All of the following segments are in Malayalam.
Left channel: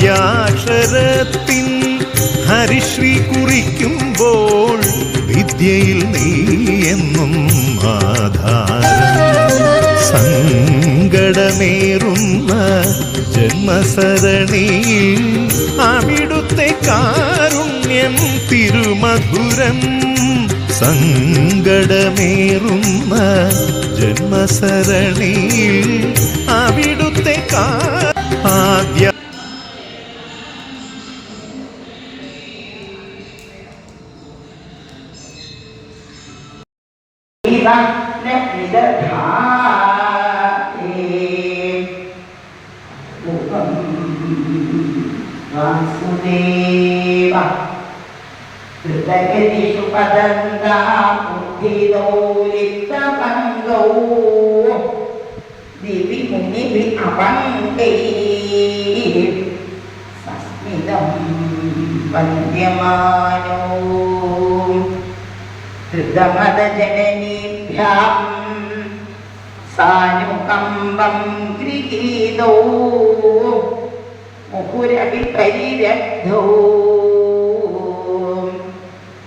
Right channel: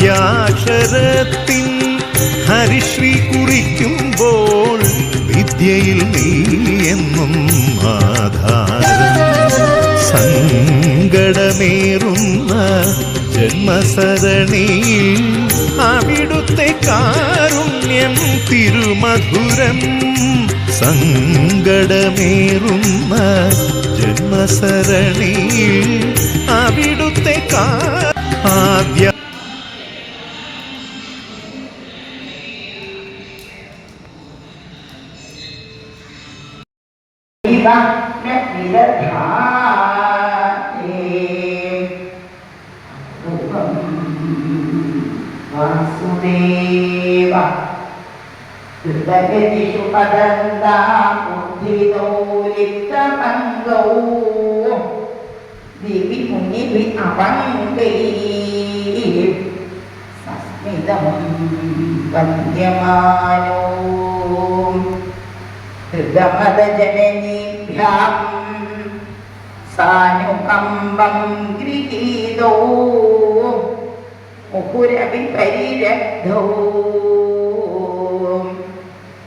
ആദ്യാക്ഷരത്തിൻ ഹരിശ്രീ കുറിക്കുമ്പോൾ വിദ്യയിൽ നീ എന്നും ആധാരം. സങ്കടമേറുന്ന ജന്മസരണിയിൽ അവിടുത്തെ കാരുണ്യം തിരുമധുരം. സങ്കടമേറുന്ന ജന്മസരണിയിൽ അവിടുത്തെ കാ വാസുദേവ ഹൃദയതിഷു പദന്താബുദ്ധിദോലിതപങ്കോ ദിവി. മുനിവി അപങ്കൈ സസ്മിതം വന്ദ്യമാനോ ഹൃദമദജനനീഭ്യാം സാനുകമ്പം ഗൃഹീതോ. 무구라비베리라도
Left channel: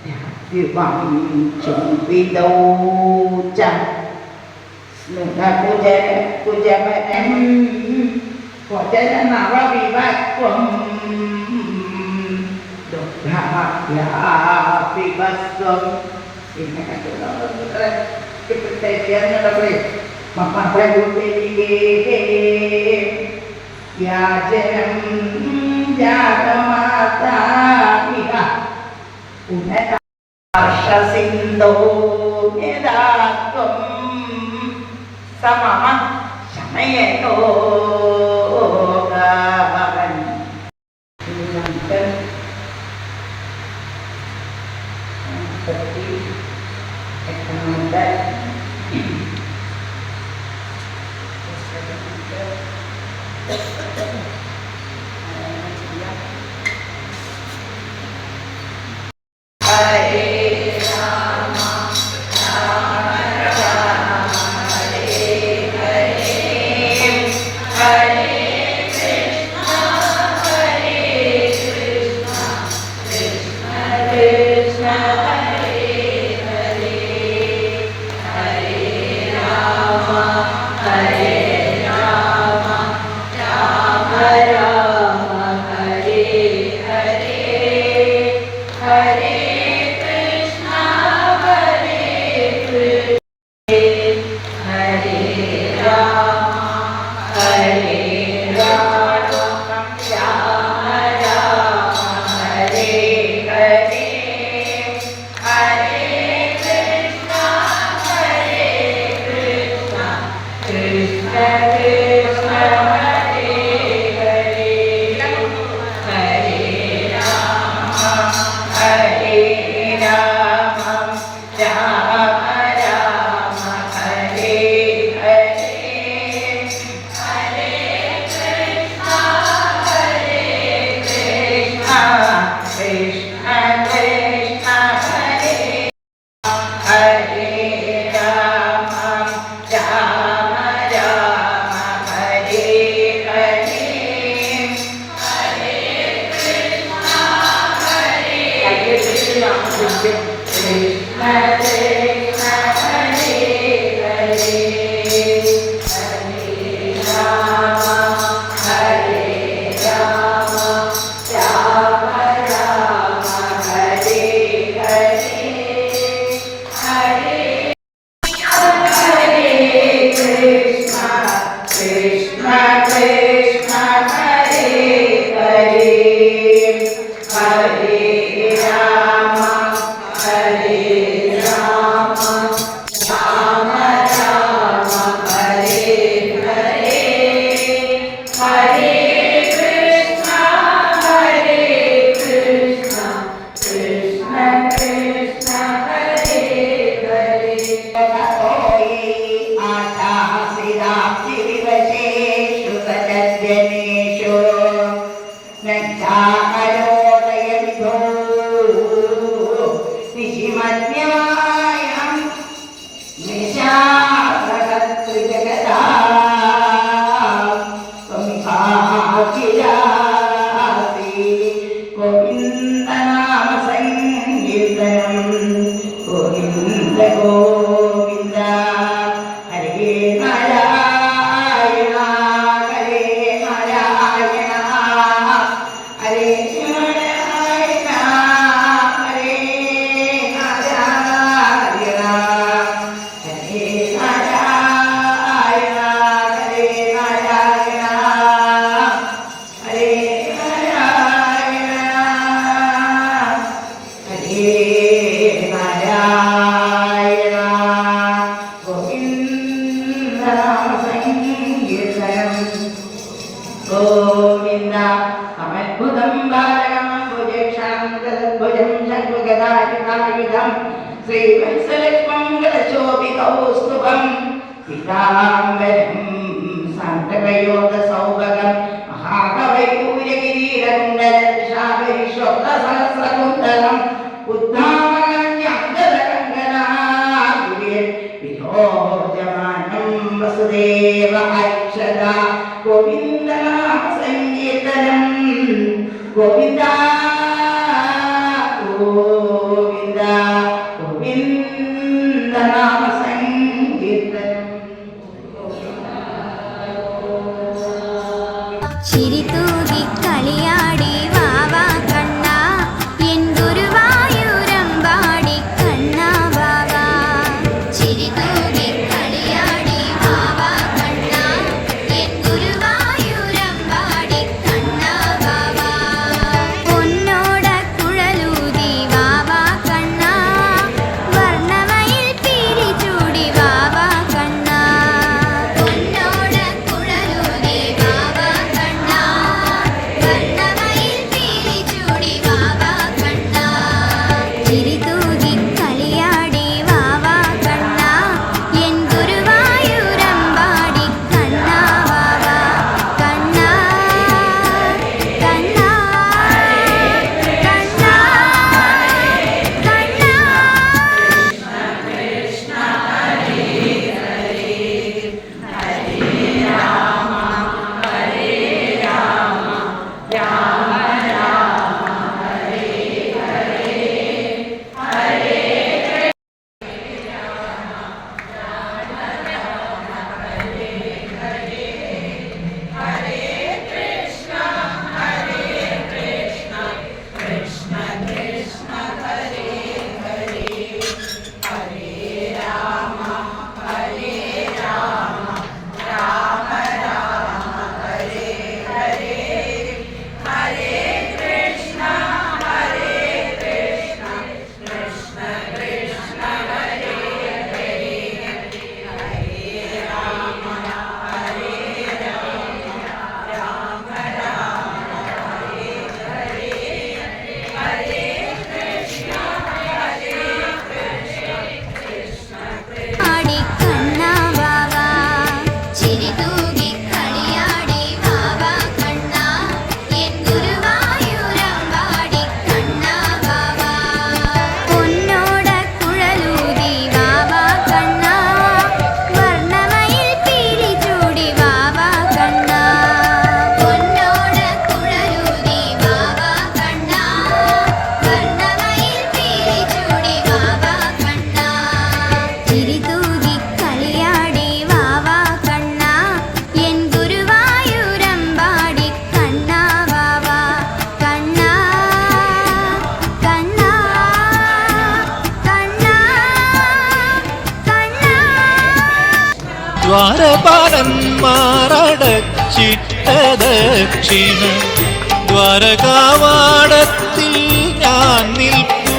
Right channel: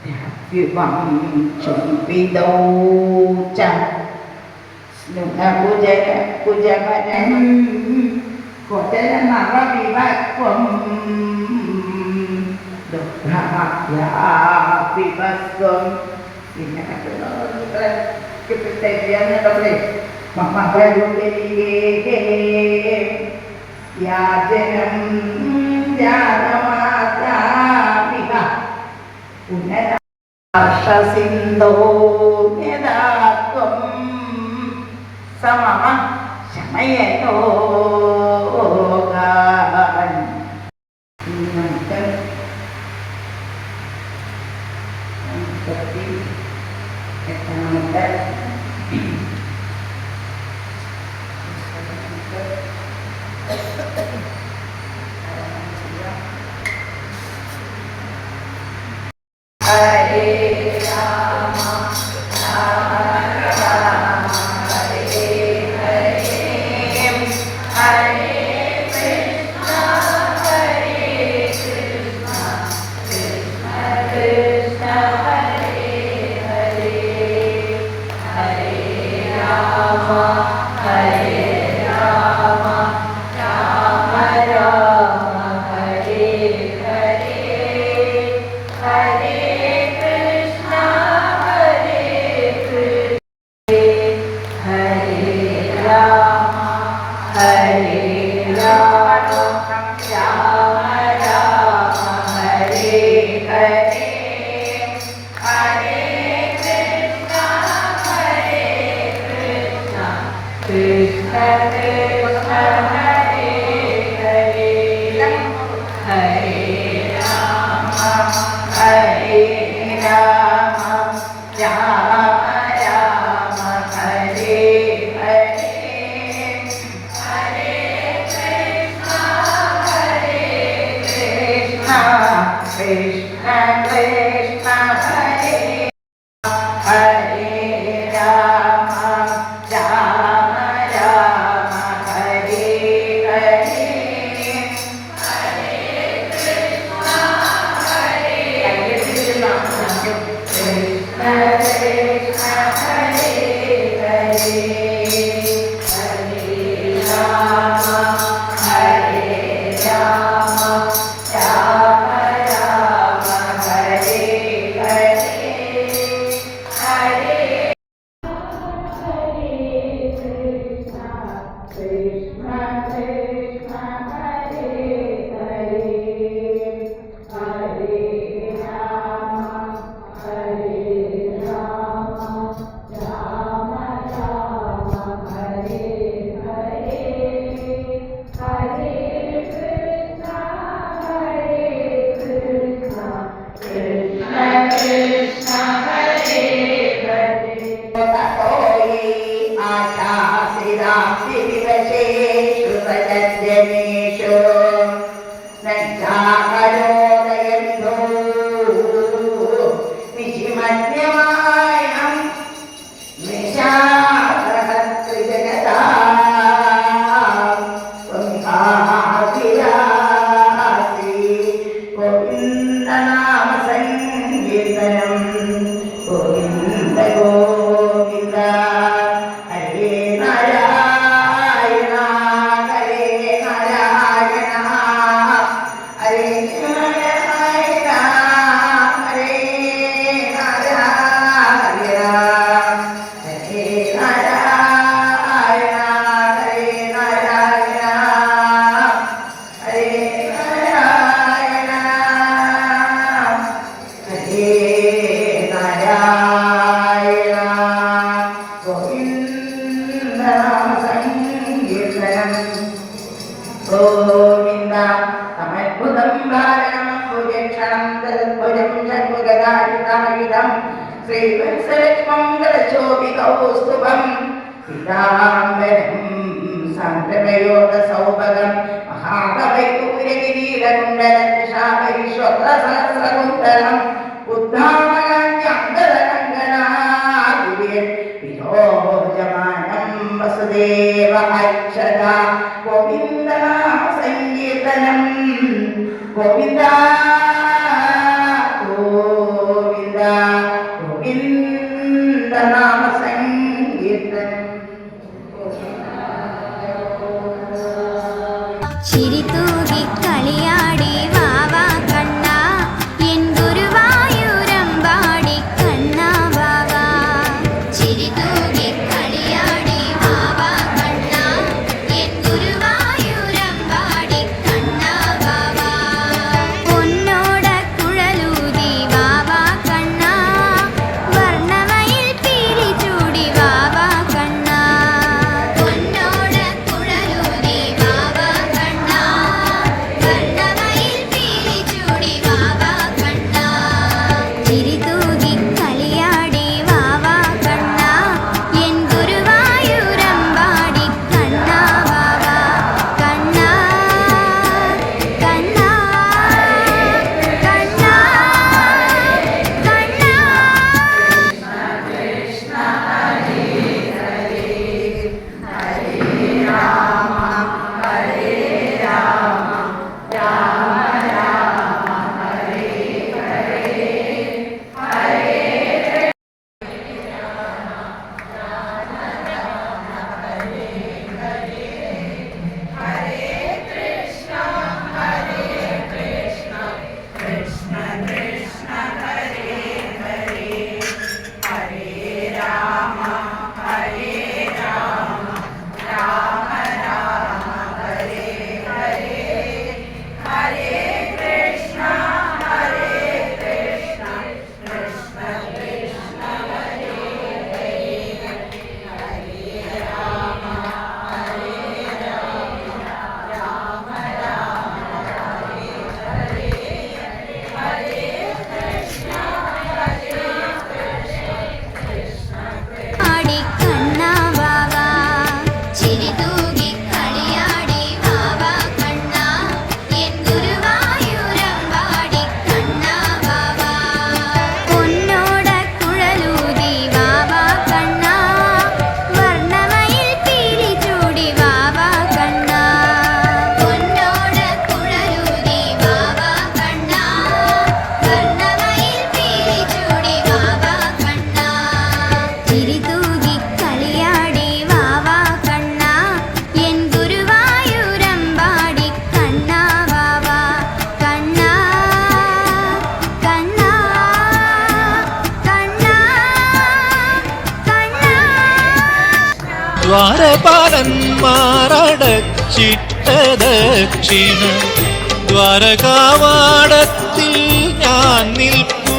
대학비방 정비도자 누나 고자 고자만 고자는 마가비바 꽝 독하야 비바성 Ingat aku, kita kita dia nak boleh. Mak mak saya buat dia. വ്യാജനം ജാതമാതാപിഹ പുനരാർഷസിന്ധോ യഥാത്വം സമമ gobierno. ചിട്ടദക്ഷിണ ദ്വാരകാവാടത്തിൽ ഞാൻ നിൽപ്പൂ.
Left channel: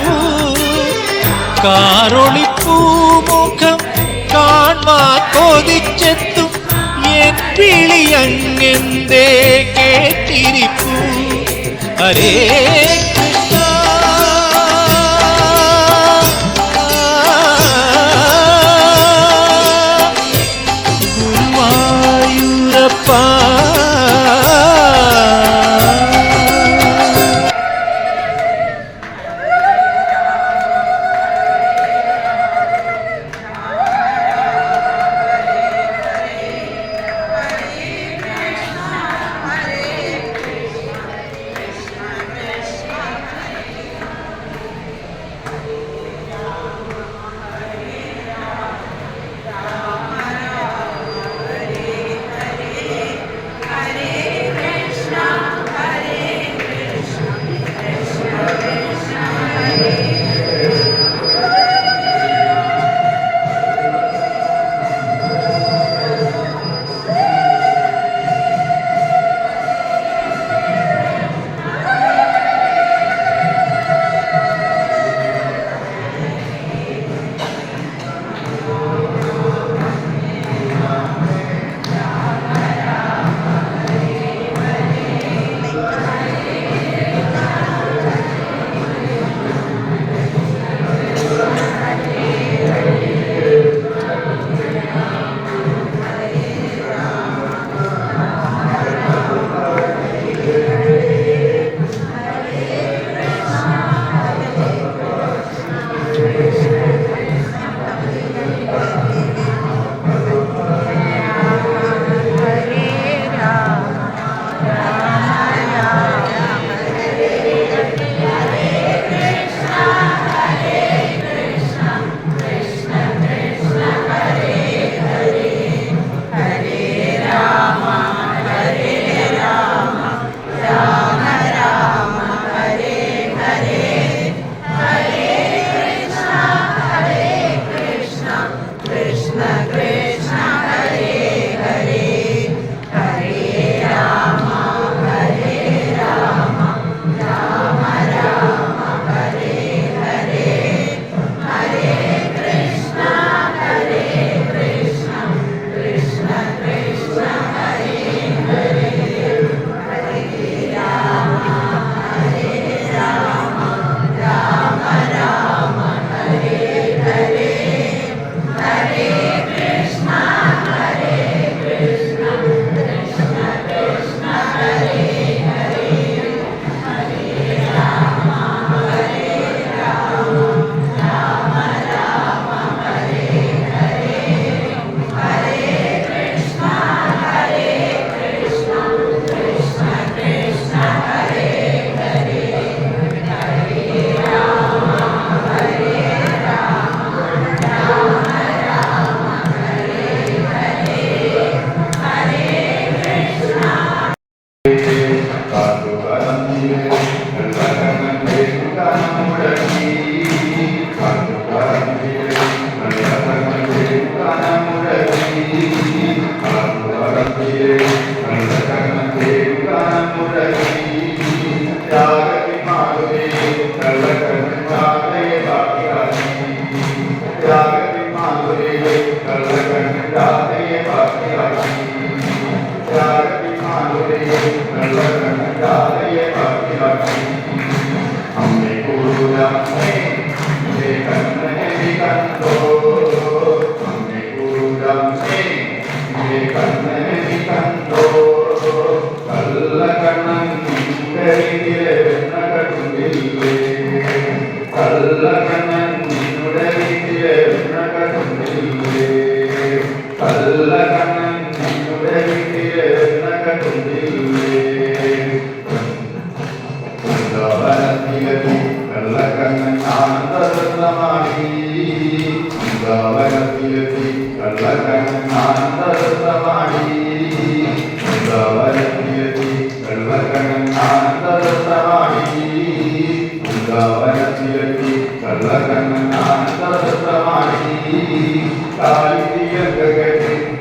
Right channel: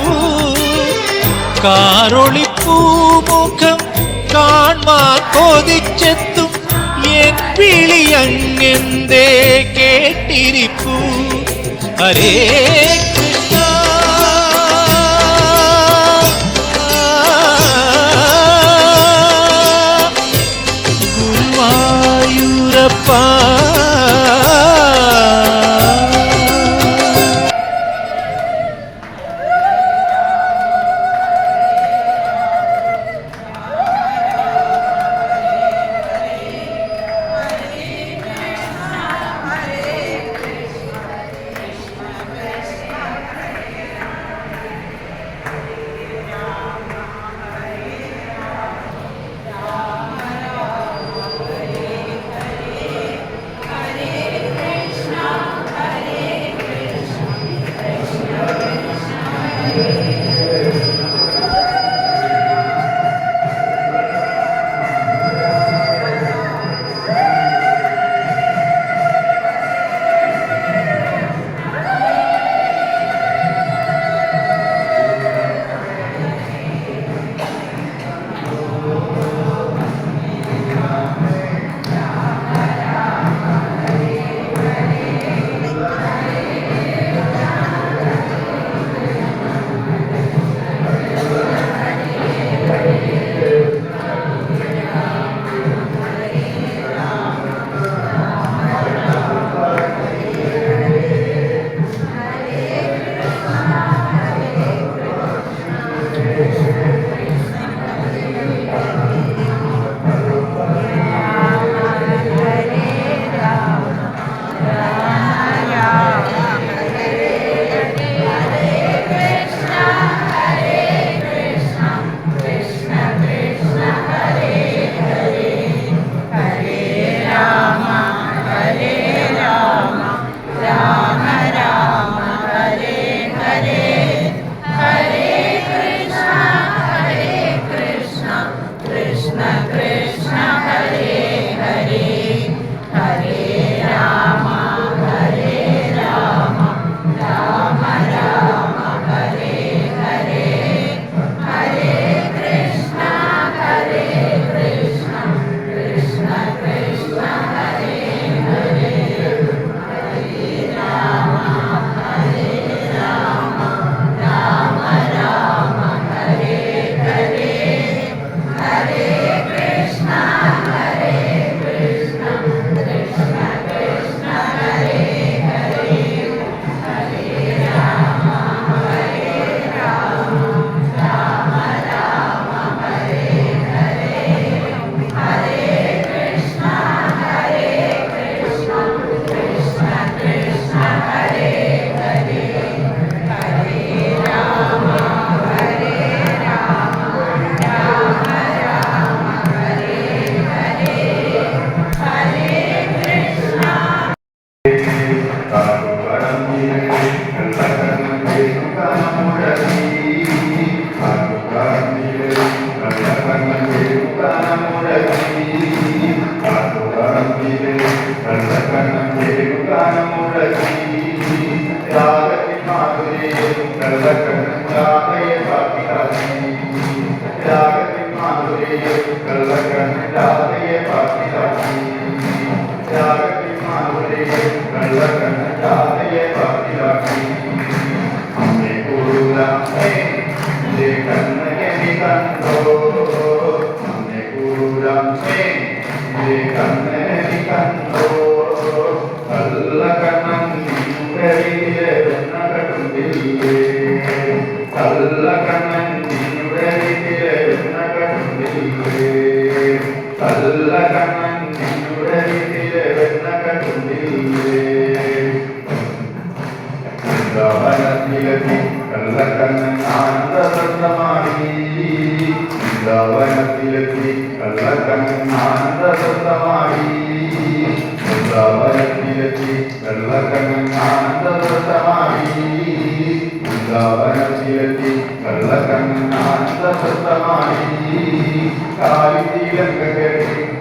കാറൊളിപ്പൂമുഖം കാൺമാ കൊതിച്ചെത്തും എൻ വിളിയങ്ങെന്തേ കേട്ടിരിപ്പൂ. അരേ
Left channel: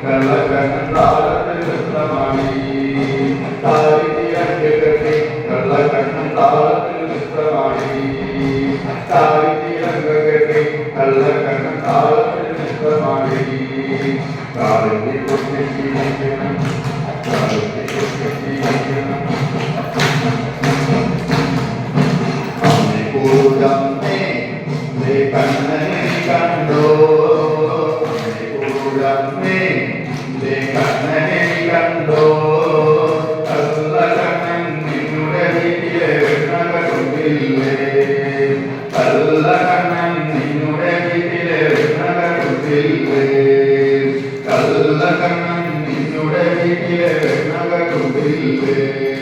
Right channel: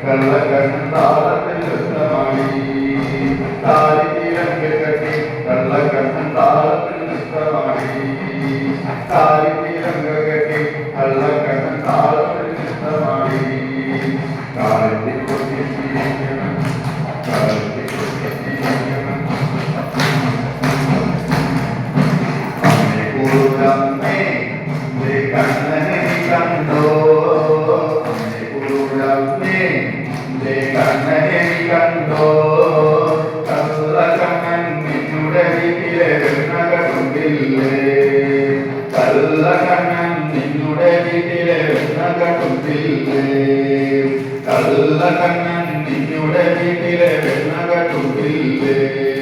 கள்ளக்கண்ணாலே കണ്ണൻ നിന്നുടെ വീട്ടിലെ വെണ്ണകണ്ടില്ലേ വെണ്ണകമില്ലെന്ന്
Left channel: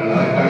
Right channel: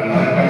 Thank you.